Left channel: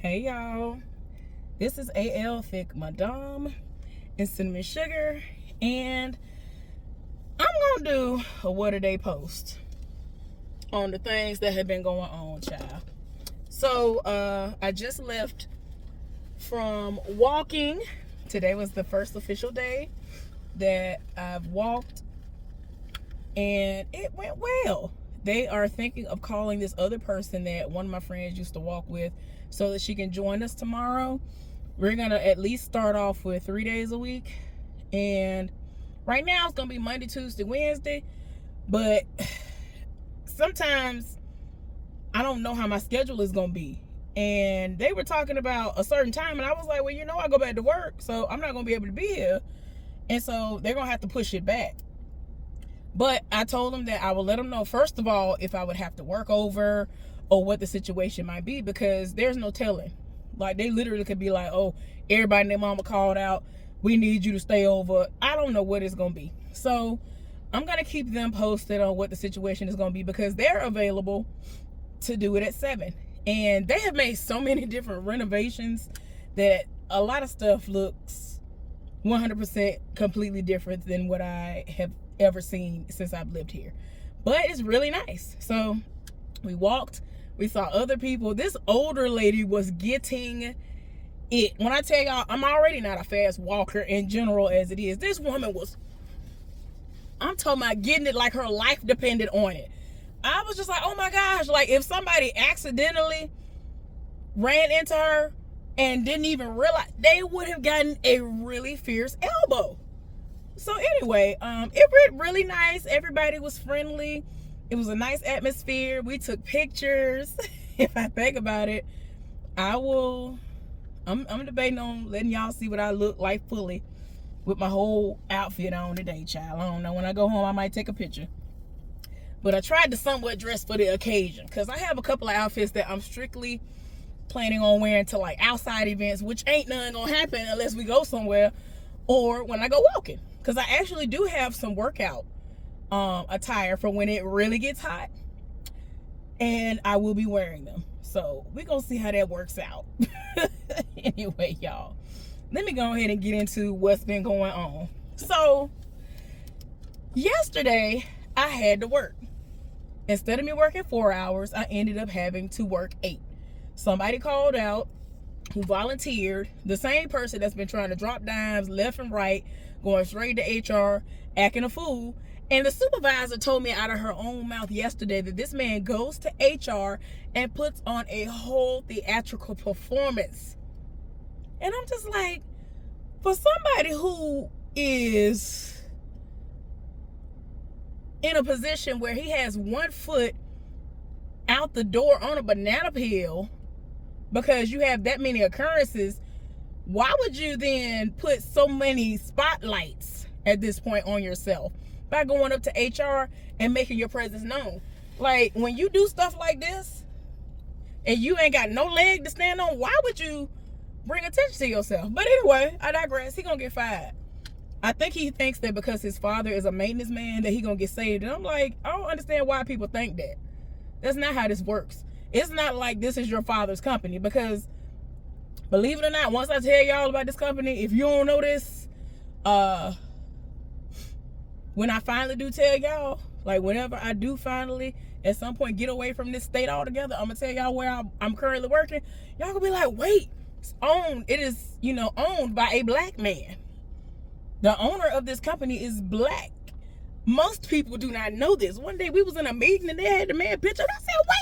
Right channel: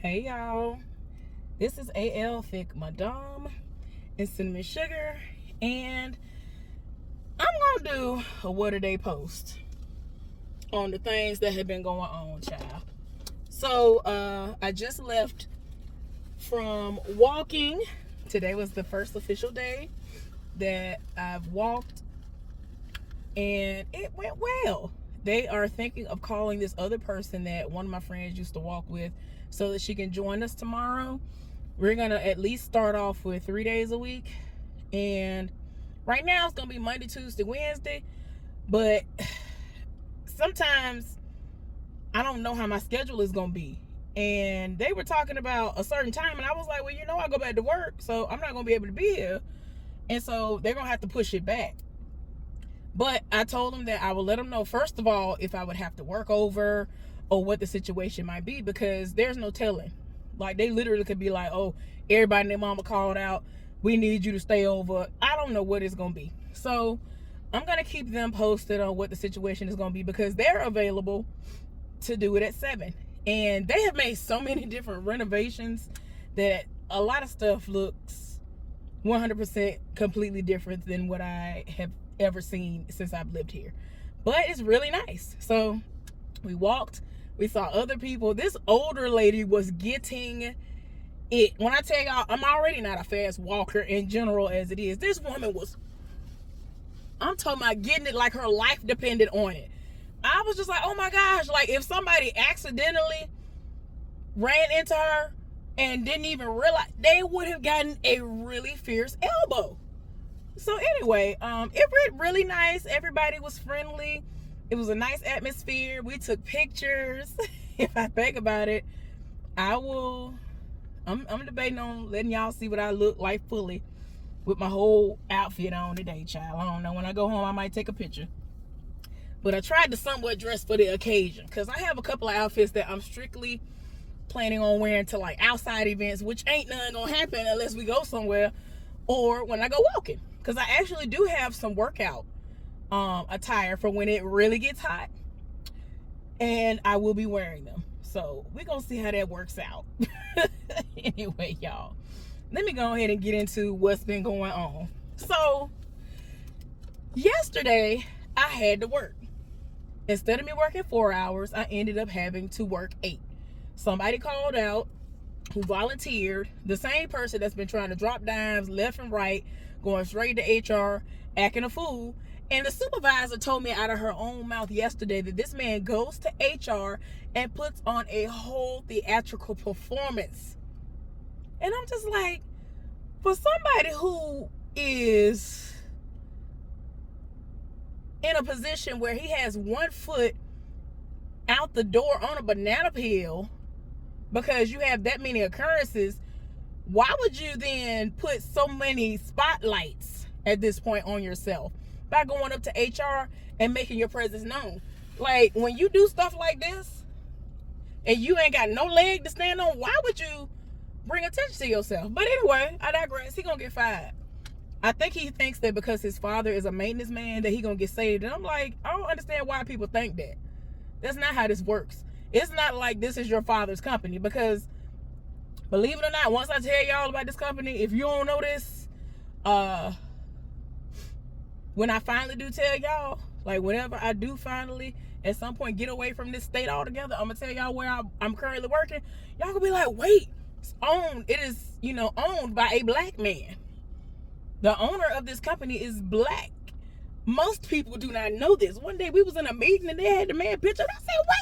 Hey y'all, this is AL Thick Madame and Cinnamon Sugar, and I'm gonna do a what a day post on the things that have been going on, child. So I just left from walking. Today was the first official day that I've walked, and it went well. They are thinking of calling this other person that one of my friends used to walk with so that she can join us tomorrow. We're gonna at least start off with 3 days a week, and right now it's gonna be Monday, Tuesday, Wednesday, but sometimes I don't know how my schedule is gonna be. And they were talking about a certain time, and I was like, well, I go back to work, so I'm not gonna be able to be here, and so they're gonna have to push it back. But I told them that I would let them know, first of all, if I would have to work over or what the situation might be, because there's no telling. Like, they literally could be like, oh, everybody and their mama called out, we need you to stay over. I don't know what it's going to be. So I'm going to keep them posted on what the situation is going to be, because they're available to do it at 7. And they have made so many different renovations that a lot of stuff looks 100% completely different than what I have ever seen since I've lived here. But it's really nice. So we walked, we saw other people. This older lady was getting it. When I tell y'all, I'm already not a fast walker in general as it is. This woman was, I'm talking about getting it like her life depended on it. I was just like, oh my gosh, like if somebody accidentally ran into her and didn't even realize, they would have gotten a really fierce elbow. So anyway, it went really nice. Everybody was friendly. It was a nice atmosphere. We took pictures. If I think about it, I'm debating on letting y'all see what I look like fully with my whole outfit on today, child. I don't know. When I go home, I might take a picture. But I tried to somewhat dress for the occasion, because I have a couple of outfits that I'm strictly planning on wearing to like outside events, which ain't nothing gonna happen unless we go somewhere or when I go walking. Because I actually do have some workout attire for when it really gets hot, and I will be wearing them. So we're gonna see how that works out. Anyway, y'all, let me go ahead and get into what's been going on. So yesterday I had to work. Instead of me working 4 hours, I ended up having to work 8. Somebody called out who volunteered, the same person that's been trying to drop dimes left and right, going straight to HR, acting a fool. And the supervisor told me out of her own mouth yesterday that this man goes to HR and puts on a whole theatrical performance. And I'm just like, for somebody who is in a position where he has one foot out the door on a banana peel because you have that many occurrences, why would you then put so many spotlights at this point on yourself by going up to HR and making your presence known? Like, when you do stuff like this and you ain't got no leg to stand on, why would you bring attention to yourself? But anyway, I digress. He gonna get fired. I think he thinks that because his father is a maintenance man that he gonna get saved. And I'm like, I don't understand why people think that. That's not how this works. It's not like this is your father's company, because believe it or not, once I tell y'all about this company, if you don't know this, when I finally do tell y'all, like whenever I do finally at some point get away from this state altogether, I'm gonna tell y'all where I'm currently working. Y'all gonna be like, wait, it is owned by a black man. The owner of this company is black. Most people do not know this. One day we was in a meeting and they had the man picture. And I said, wait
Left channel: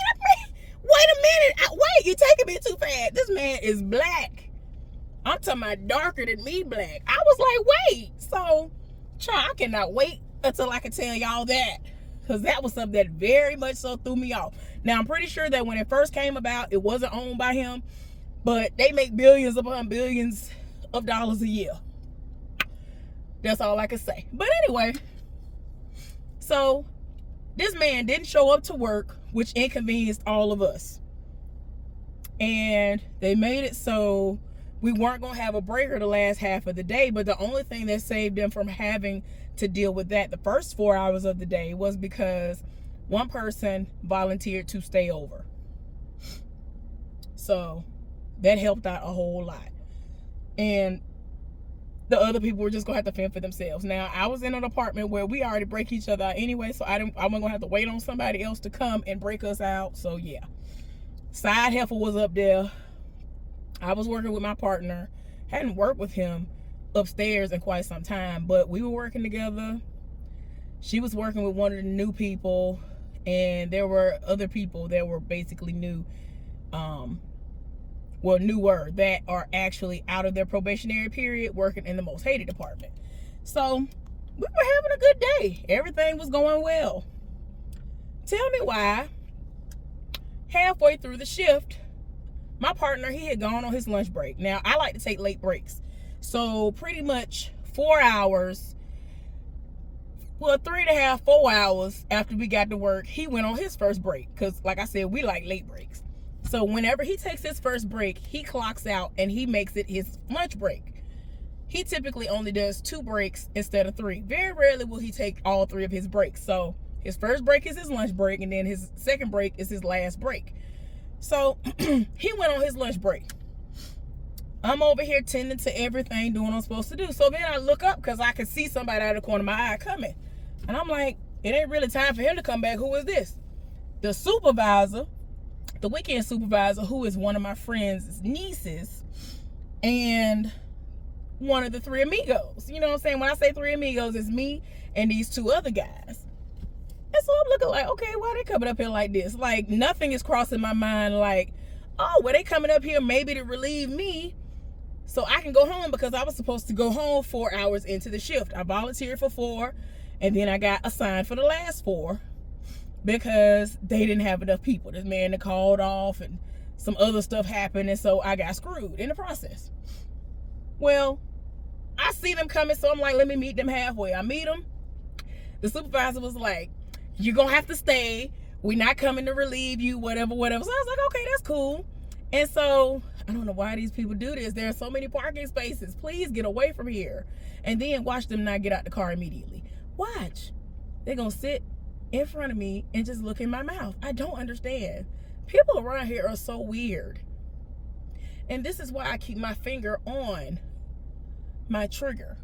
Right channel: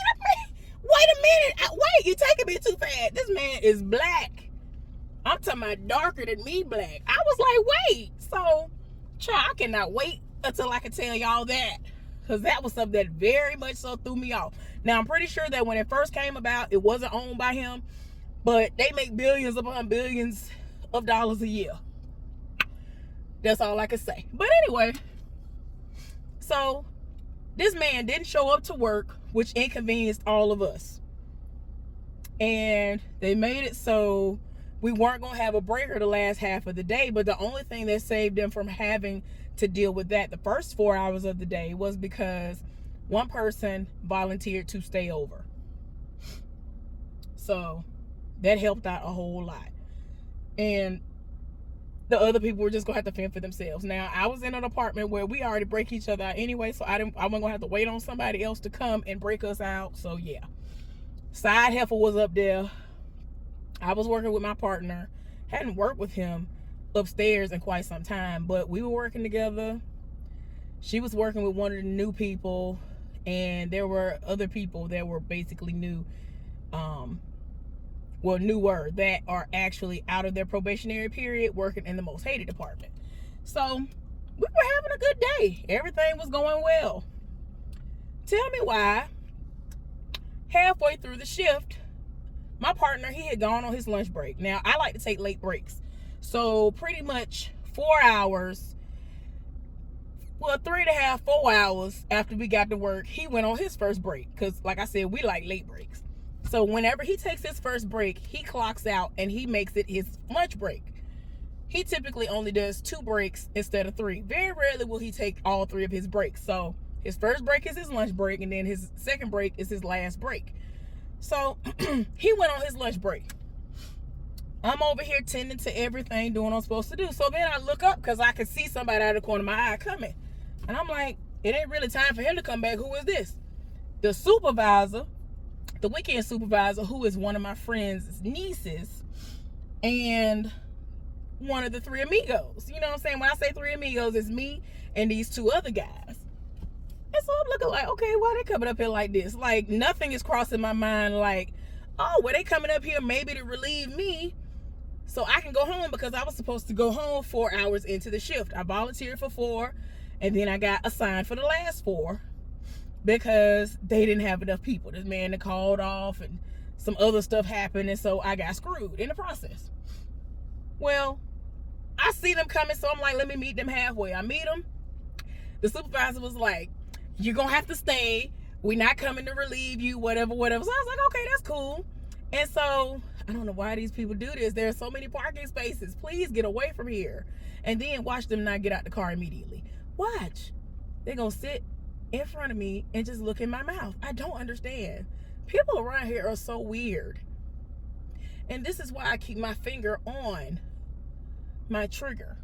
a minute. Wait, you're taking me too fast. This man is black. I'm talking about darker than me black. I was like, wait. So, child, I cannot wait until I can tell y'all that. Because that was something that very much so threw me off. Now, I'm pretty sure that when it first came about, it wasn't owned by him. But they make billions upon billions of dollars a year. That's all I can say. But anyway, so this man didn't show up to work, which inconvenienced all of us. And they made it so we weren't going to have a breaker the last half of the day. But the only thing that saved them from having to deal with that the first 4 hours of the day was because one person volunteered to stay over. So That helped out a whole lot. And the other people were just gonna have to fend for themselves. Now, I was in an apartment where we already break each other out anyway, so I wasn't gonna have to wait on somebody else to come and break us out. So yeah, side heifer was up there. I was working with my partner. Hadn't worked with him upstairs in quite some time, but we were working together. She was working with one of the new people, and there were other people that were basically new, newer, that are actually out of their probationary period working in the most hated department. So we were having a good day. Everything was going well. Tell me why halfway through the shift, my partner, he had gone on his lunch break. Now, I like to take late breaks. So pretty much 4 hours, well, 3.5, 4 hours after we got to work, he went on his first break. Because like I said, we like late breaks. So whenever he takes his first break, he clocks out and he makes it his lunch break. He typically only does 2 breaks instead of 3. Very rarely will he take all 3 of his breaks. So his first break is his lunch break, and then his second break is his last break. So he went on his lunch break. I'm over here tending to everything, doing what I'm supposed to do. So then I look up because I could see somebody out of the corner of my eye coming. And I'm like, it ain't really time for him to come back. Who is this? The supervisor, the weekend supervisor, who is one of my friend's nieces, and one of the 3 amigos. You know what I'm saying? When I say 3 amigos, it's me and these 2 other guys. And so I'm looking like, okay, why they coming up here like this? Like, nothing is crossing my mind like, oh, well, they coming up here maybe to relieve me so I can go home, because I was supposed to go home 4 hours into the shift. I volunteered for 4, and then I got assigned for the last 4 because they didn't have enough people. This man that called off and some other stuff happened, and so I got screwed in the process. Well, I see them coming, so I'm like, let me meet them halfway. I meet them. The supervisor was like, you're going to have to stay. We're not coming to relieve you, whatever. So I was like, okay, that's cool. And so I don't know why these people do this. There are so many parking spaces. Please get away from here. And then watch them not get out the car immediately. Watch. They're going to sit in front of me and just look in my mouth. I don't understand. People around here are so weird. And this is why I keep my finger on my trigger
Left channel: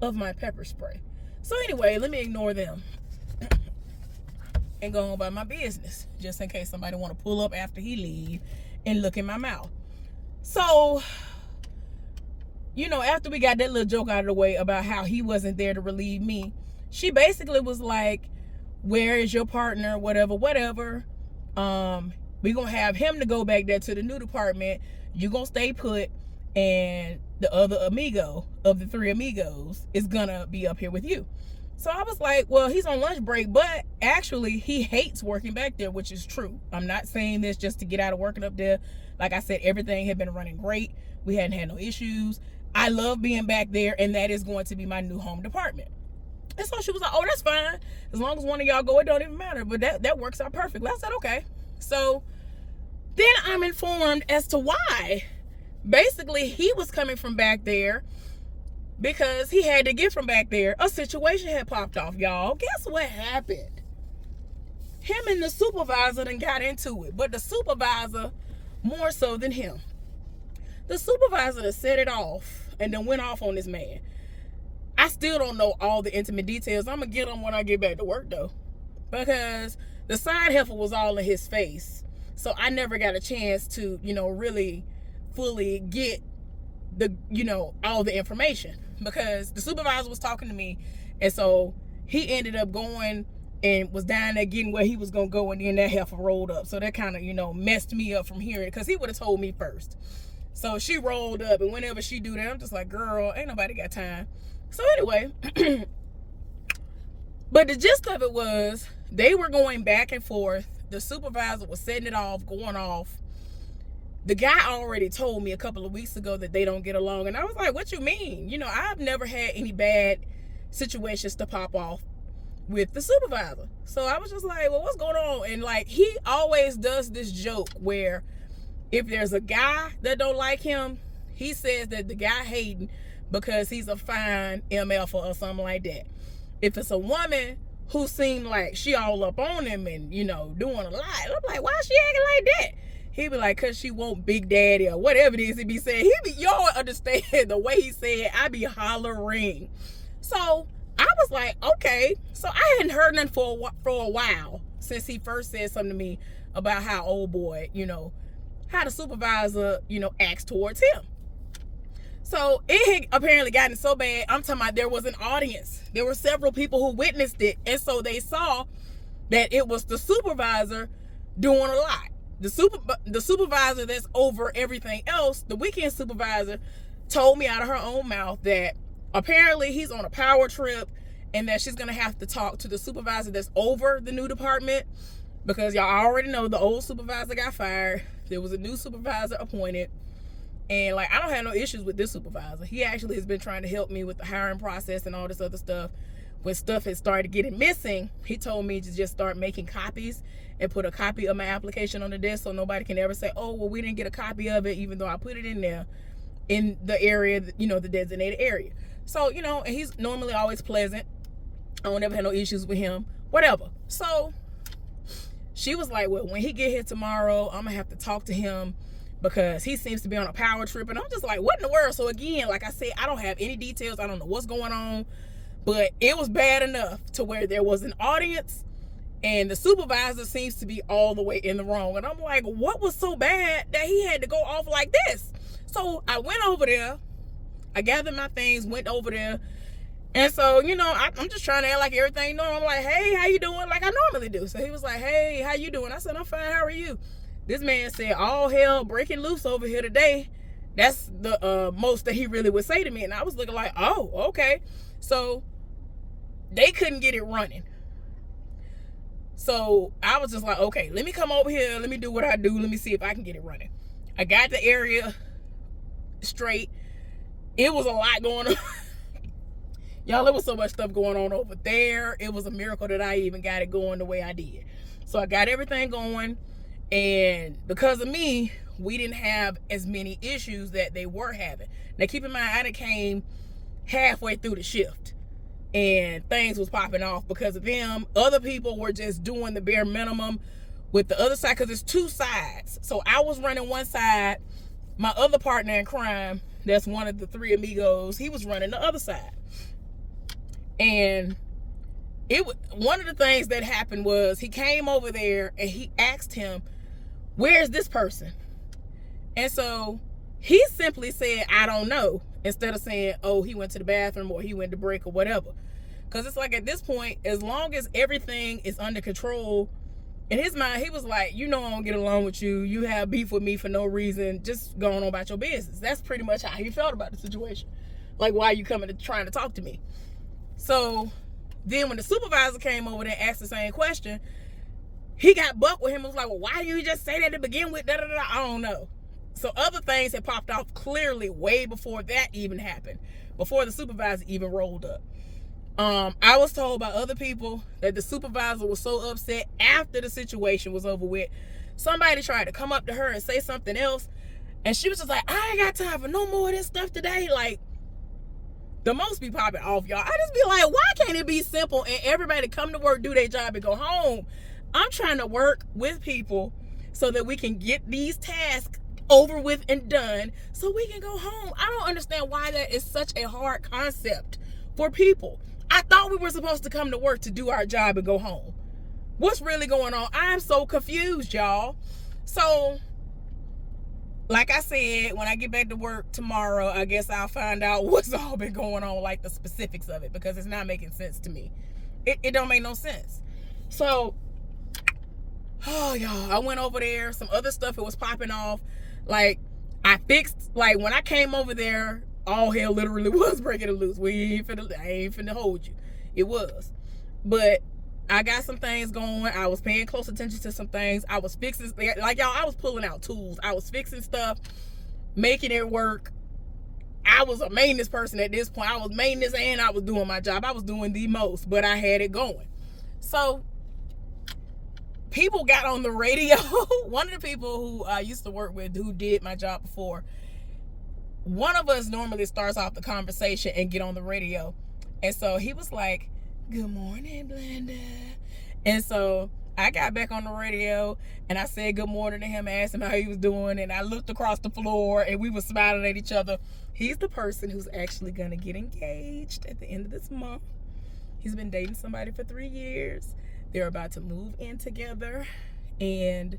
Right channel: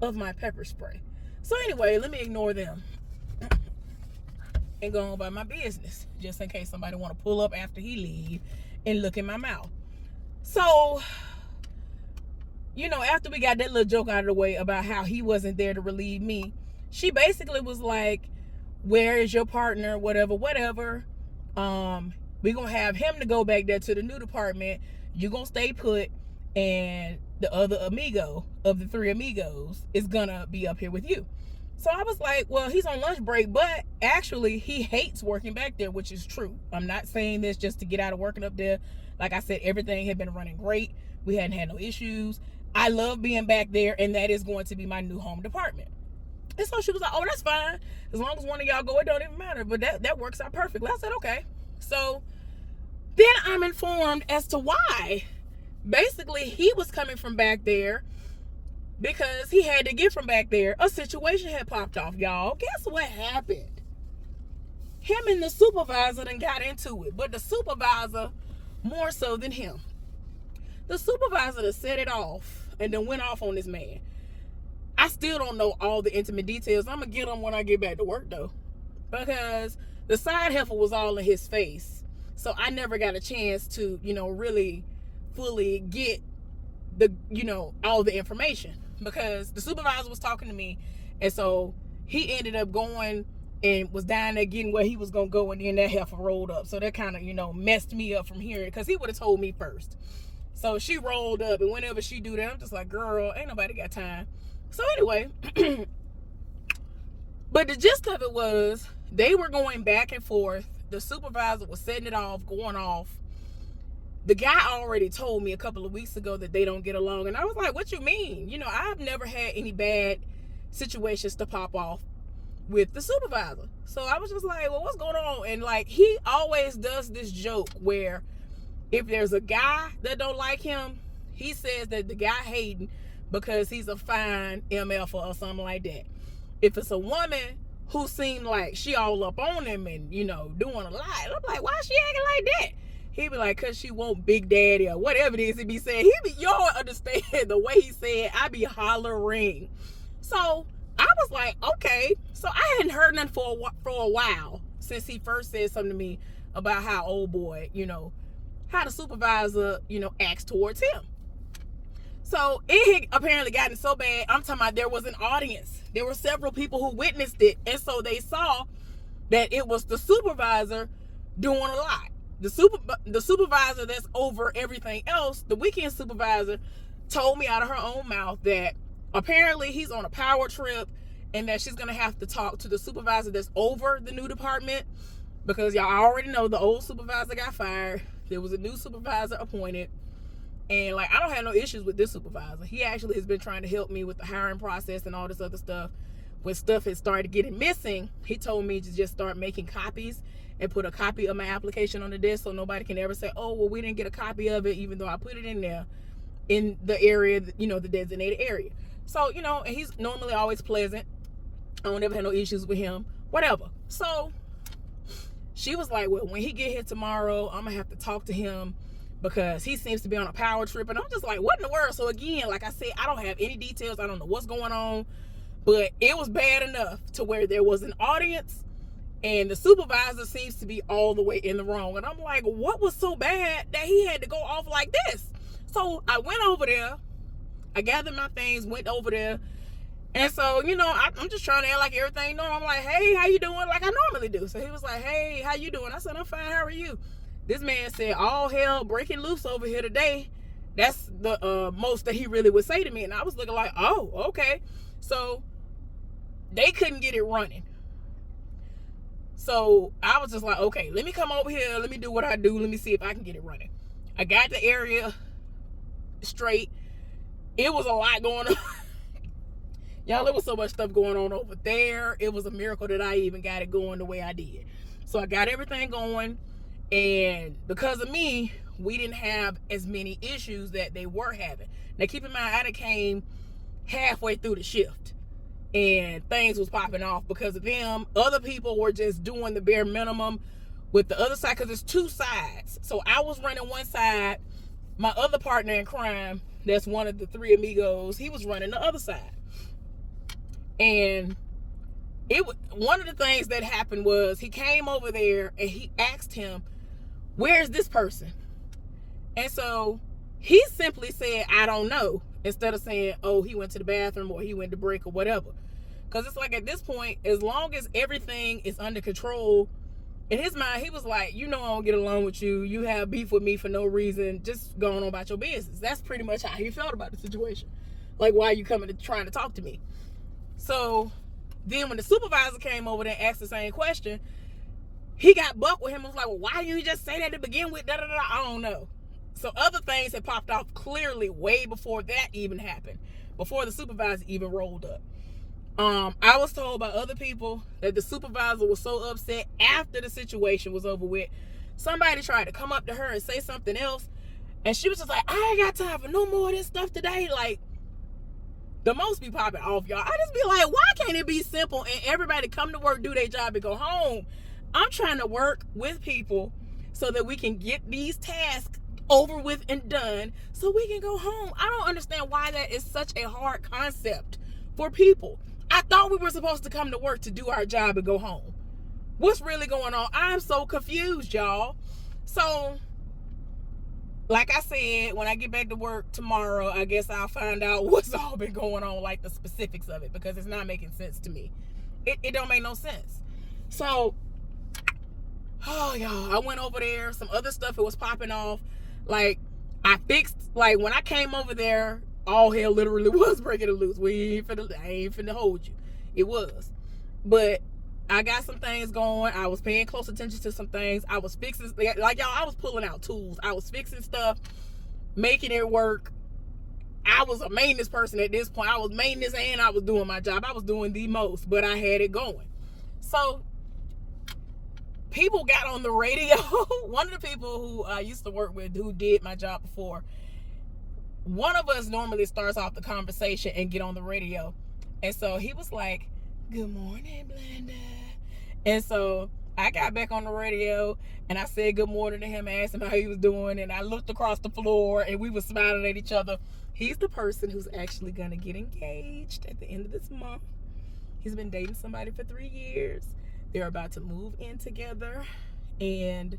of my pepper spray. So anyway, let me ignore them and go on about my business, just in case somebody want to pull up after he leave and look in my mouth. So, you know, after we got that little joke out of the way about how he wasn't there to relieve me, she basically was like, where is your partner, whatever. We're going to have him to go back there to the new department. You're going to stay put, and the other amigo of the 3 amigos is going to be up here with you. So I was like, well, he's on lunch break, but actually he hates working back there, which is true. I'm not saying this just to get out of working up there. Like I said, everything had been running great. We hadn't had no issues. I love being back there, and that is going to be my new home department. And so she was like, oh, that's fine. As long as one of y'all go, it don't even matter. But that works out perfectly. I said, okay. So then I'm informed as to why. Basically, he was coming from back there because he had to get from back there. A situation had popped off, y'all. Guess what happened? Him and the supervisor done got into it, but the supervisor more so than him. The supervisor done set it off and then went off on this man. I still don't know all the intimate details. I'm going to get them when I get back to work, though, because the side heifer was all in his face. So I never got a chance to, really fully get all the information, because the supervisor was talking to me, and so he ended up going and was down there getting where he was gonna go, and then that heifer rolled up. So that kind of messed me up from hearing it, because he would have told me first. So she rolled up, and whenever she do that, I'm just like, girl, ain't nobody got time. So anyway, but the gist of it was they were going back and forth. The supervisor was setting it off, going off. The guy already told me a couple of weeks ago that they don't get along. And I was like, what you mean? I've never had any bad situations to pop off with the supervisor. So I was just like, well, what's going on? And like, he always does this joke where if there's a guy that don't like him, he says that the guy hating because he's a fine MF or something like that. If it's a woman who seemed like she all up on him and, doing a lot, I'm like, why is she acting like that? He be like, cause she want Big Daddy or whatever it is he be saying. Y'all understand the way he said, I be hollering. So I was like, okay. So I hadn't heard nothing for a while since he first said something to me about how old boy, how the supervisor, acts towards him. So it had apparently gotten so bad. I'm talking about there was an audience. There were several people who witnessed it. And so they saw that it was the supervisor doing a lot. The supervisor that's over everything else, the weekend supervisor, told me out of her own mouth that apparently he's on a power trip and that she's going to have to talk to the supervisor that's over the new department, because y'all already know the old supervisor got fired. There was a new supervisor appointed. And I don't have no issues with this supervisor. He actually has been trying to help me with the hiring process and all this other stuff. When stuff had started getting missing, he told me to just start making copies and put a copy of my application on the desk so nobody can ever say, oh, well, we didn't get a copy of it, even though I put it in there in the area, the designated area. So, and he's normally always pleasant. I don't ever have no issues with him, whatever. So she was like, well, when he get here tomorrow, I'm going to have to talk to him because he seems to be on a power trip. And I'm just like, what in the world? So again, like I said, I don't have any details. I don't know what's going on. But it was bad enough to where there was an audience and the supervisor seems to be all the way in the wrong. And I'm like, what was so bad that he had to go off like this? So I went over there. I gathered my things, went over there. And so, I'm just trying to act like everything normal. I'm like, hey, how you doing? Like I normally do. So he was like, hey, how you doing? I said, I'm fine. How are you? This man said, all hell breaking loose over here today. That's the most that he really would say to me. And I was looking like, oh, okay. So they couldn't get it running. So I was just like, okay, let me come over here. Let me do what I do. Let me see if I can get it running. I got the area straight. It was a lot going on. Y'all, there was so much stuff going on over there. It was a miracle that I even got it going the way I did. So I got everything going. And because of me, we didn't have as many issues that they were having. Now, keep in mind, I came halfway through the shift. And things was popping off because of them. Other people were just doing the bare minimum with the other side, because it's two sides. So I was running one side. My other partner in crime, that's one of the three amigos, he was running the other side. And one of the things that happened was he came over there and he asked him, where's this person? And so he simply said, I don't know, instead of saying, oh, he went to the bathroom or he went to break or whatever. Because it's like at this point, as long as everything is under control, in his mind, he was like, I don't get along with you. You have beef with me for no reason. Just going on about your business. That's pretty much how he felt about the situation. Like, why are you coming trying to talk to me? So then when the supervisor came over there and asked the same question, he got bucked with him and was like, well, why didn't you just say that to begin with? I don't know. So other things had popped off clearly way before that even happened, before the supervisor even rolled up. I was told by other people that the supervisor was so upset after the situation was over with. Somebody tried to come up to her and say something else, and she was just like, I ain't got time for no more of this stuff today. Like, the most be popping off, y'all. I just be like, why can't it be simple and everybody come to work, do their job, and go home? I'm trying to work with people so that we can get these tasks over with and done so we can go home. I don't understand why that is such a hard concept for people. I thought we were supposed to come to work to do our job and go home. What's really going on? I'm so confused, y'all. So, like I said, when I get back to work tomorrow, I guess I'll find out what's all been going on, like the specifics of it, because it's not making sense to me. It don't make no sense. So, oh, y'all, I went over there. Some other stuff, it was popping off. Like, I fixed, like, when I came over there, all hell literally was breaking loose. I ain't finna hold you. It was. But I got some things going. I was paying close attention to some things. I was fixing, like y'all, I was pulling out tools. I was fixing stuff, making it work. I was a maintenance person at this point. I was maintenance and I was doing my job. I was doing the most, but I had it going. So people got on the radio. One of the people who I used to work with, who did my job before, one of us normally starts off the conversation and get on the radio. And so he was like, good morning, Blenda. And so I got back on the radio and I said good morning to him, asked him how he was doing, and I looked across the floor and we were smiling at each other. He's the person who's actually gonna get engaged at the end of this month. He's been dating somebody for 3 years. They're about to move in together, and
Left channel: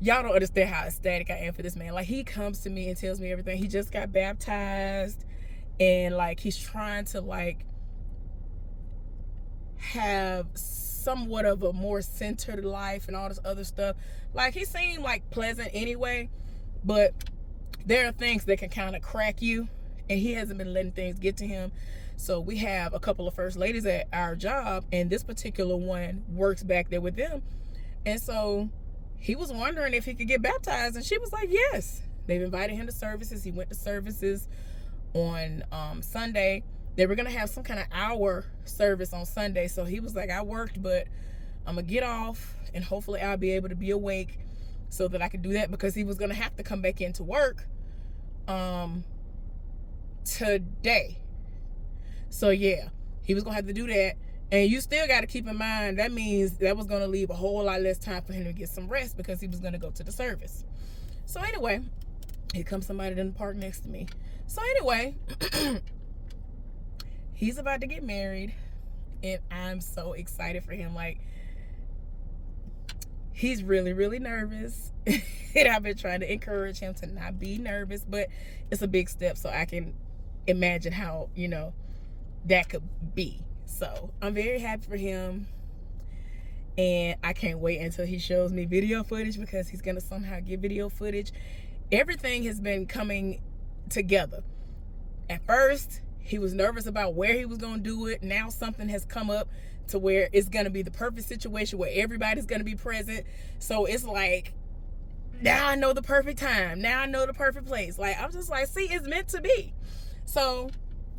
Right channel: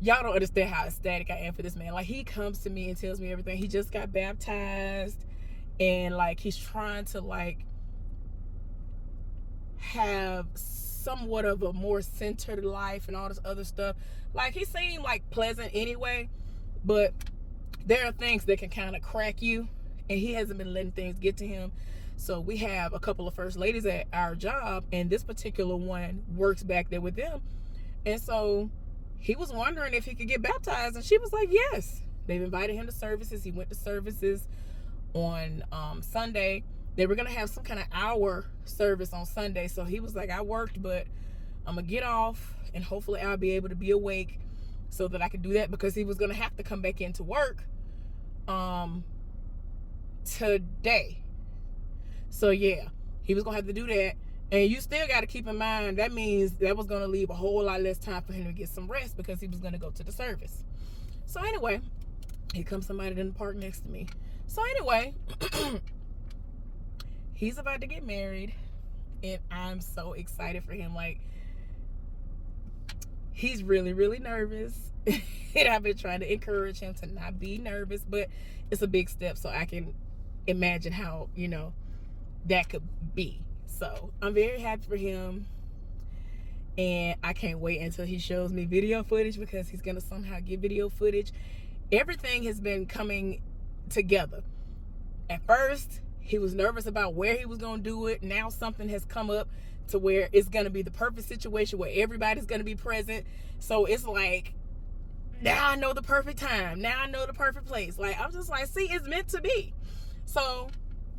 y'all don't understand how ecstatic I am for this man. Like, he comes to me and tells me everything. He just got baptized, and like he's trying to like have somewhat of a more centered life and all this other stuff. Like, he seemed like pleasant anyway, but there are things that can kind of crack you, and he hasn't been letting things get to him. So we have a couple of first ladies at our job, and this particular one works back there with them. And so he was wondering if he could get baptized, and she was like, yes. They've invited him to services. He went to services on Sunday. They were going to have some kind of hour service on Sunday. So he was like, I worked, but I'm going to get off, and hopefully I'll be able to be awake so that I could do that, because he was going to have to come back into work today. So yeah, he was going to have to do that. And you still got to keep in mind, that means that was going to leave a whole lot less time for him to get some rest, because he was going to go to the service. So anyway, here comes somebody in the park next to me. So anyway, he's about to get married, and I'm so excited for him. Like, he's really, really nervous. And I've been trying to encourage him to not be nervous, but it's a big step, so I can imagine how, you know, that could be. So I'm very happy for him, and I can't wait until he shows me video footage, because he's gonna somehow get video footage. Everything has been coming together. At first, he was nervous about where he was gonna do it. Now something has come up to where it's gonna be the perfect situation where everybody's gonna be present. So it's like, now I know the perfect time. Now I know the perfect place. Like, I'm just like, see, it's meant to be. So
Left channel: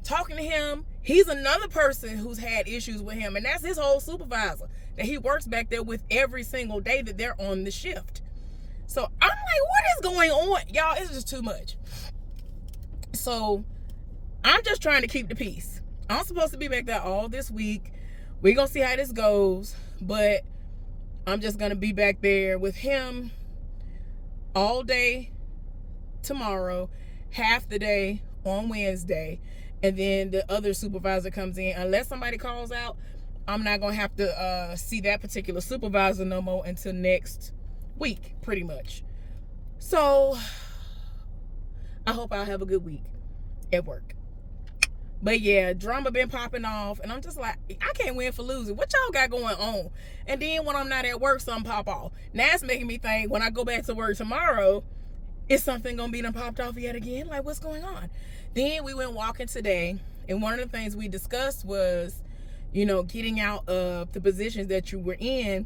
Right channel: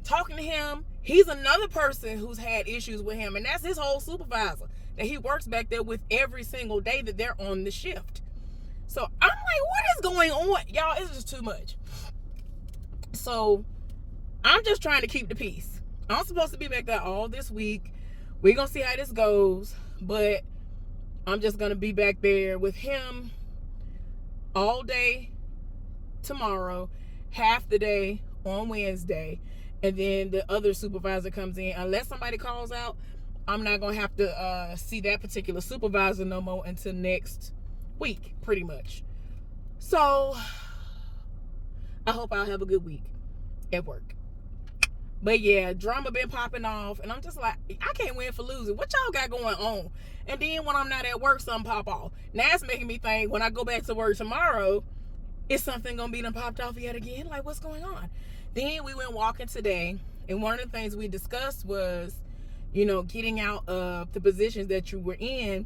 talking to him, he's another person who's had issues with him, and that's his whole supervisor that he works back there with every single day that they're on the shift. So I'm like, what is going on? Y'all, it's just too much. So I'm just trying to keep the peace. I'm supposed to be back there all this week. We're going to see how this goes, but I'm just going to be back there with him all day tomorrow, half the day on Wednesday, and then the other supervisor comes in. Unless somebody calls out, I'm not going to have to see that particular supervisor no more until next week, pretty much. So I hope I'll have a good week at work. But yeah, drama been popping off, and I'm just like, I can't win for losing. What y'all got going on? And then when I'm not at work, something pop off. Now it's making me think, when I go back to work tomorrow, is something gonna be done popped off yet again? Like, what's going on? Then we went walking today, and one of the things we discussed was, you know, getting out of the positions that you were in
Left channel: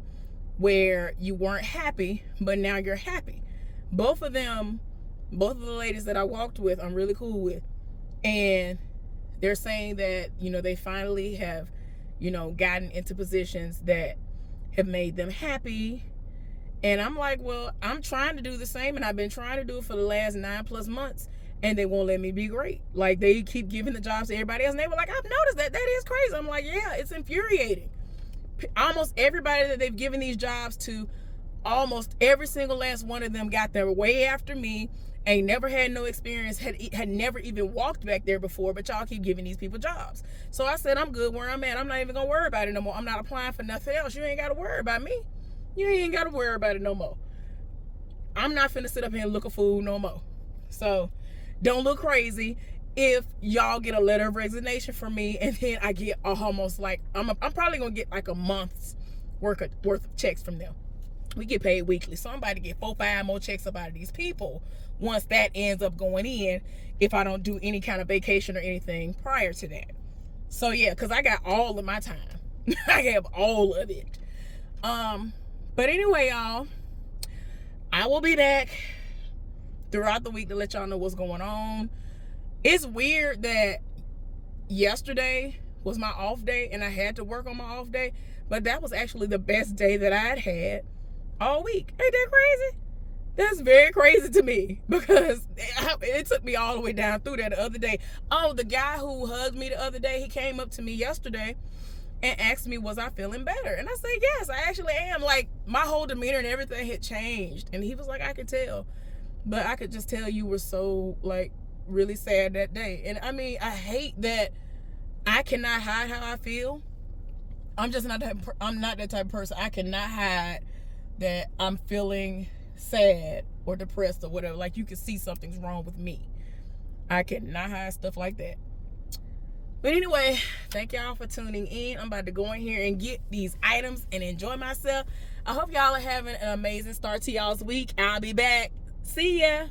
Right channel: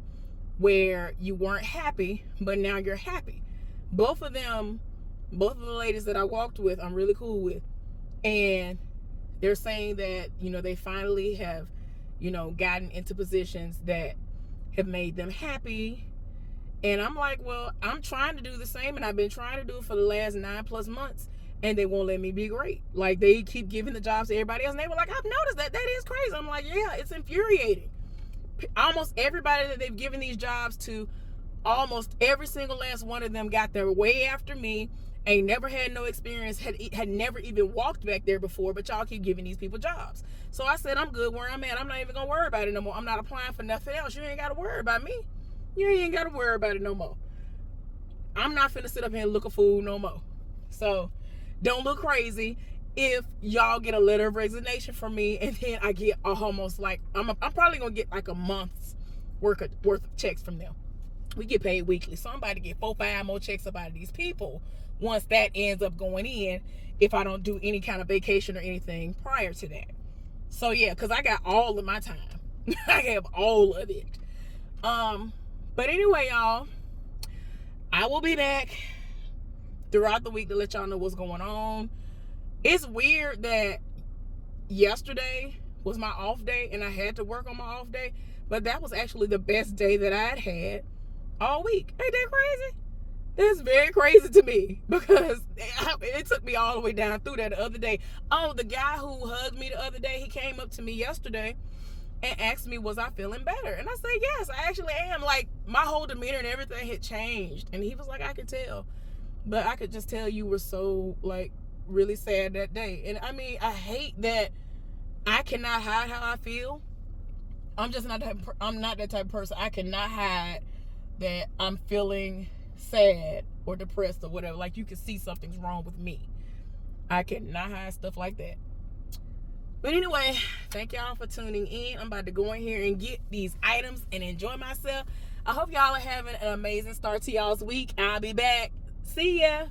where you weren't happy, but now you're happy. Both of the ladies that I walked with, I'm really cool with. And they're saying that, you know, they finally have, you know, gotten into positions that have made them happy. And I'm like, well, I'm trying to do the same, and I've been trying to do it for the last 9+ months, and they won't let me be great. Like, they keep giving the jobs to everybody else, and they were like, I've noticed that. That is crazy. I'm like, yeah, it's infuriating. Almost everybody that they've given these jobs to, almost every single last one of them got there way after me, ain't never had no experience, had never even walked back there before, but y'all keep giving these people jobs. So I said, I'm good where I'm at. I'm not even gonna worry about it no more. I'm not applying for nothing else. You ain't gotta worry about me. You ain't gotta worry about it no more. I'm not finna sit up here and look a fool no more. So don't look crazy if y'all get a letter of resignation from me, and then I get almost like, I'm probably gonna get like a month's worth of checks from them. We get paid weekly, so I'm about to get 4-5 more checks up out of these people once that ends up going in, if I don't do any kind of vacation or anything prior to that. So yeah, because I got all of my time. I have all of it. But anyway, y'all, I will be back throughout the week to let y'all know what's going on. It's weird that yesterday was my off day, and I had to work on my off day, but that was actually the best day that I'd had all week. Ain't that crazy? That's very crazy to me, because it took me all the way down through that the other day. Oh, the guy who hugged me the other day, he came up to me yesterday, and asked me, was I feeling better? And I said, yes, I actually am. Like, my whole demeanor and everything had changed. And he was like, I could tell. But I could just tell you were so, like, really sad that day. And I mean, I hate that I cannot hide how I feel. I'm just not that, I'm not that type of person. I cannot hide that I'm feeling sad or depressed or whatever. Like, you can see something's wrong with me. I cannot hide stuff like that. But anyway, thank y'all for tuning in. I'm about to go in here and get these items and enjoy myself. I hope y'all are having an amazing start to y'all's week. I'll be back. See ya.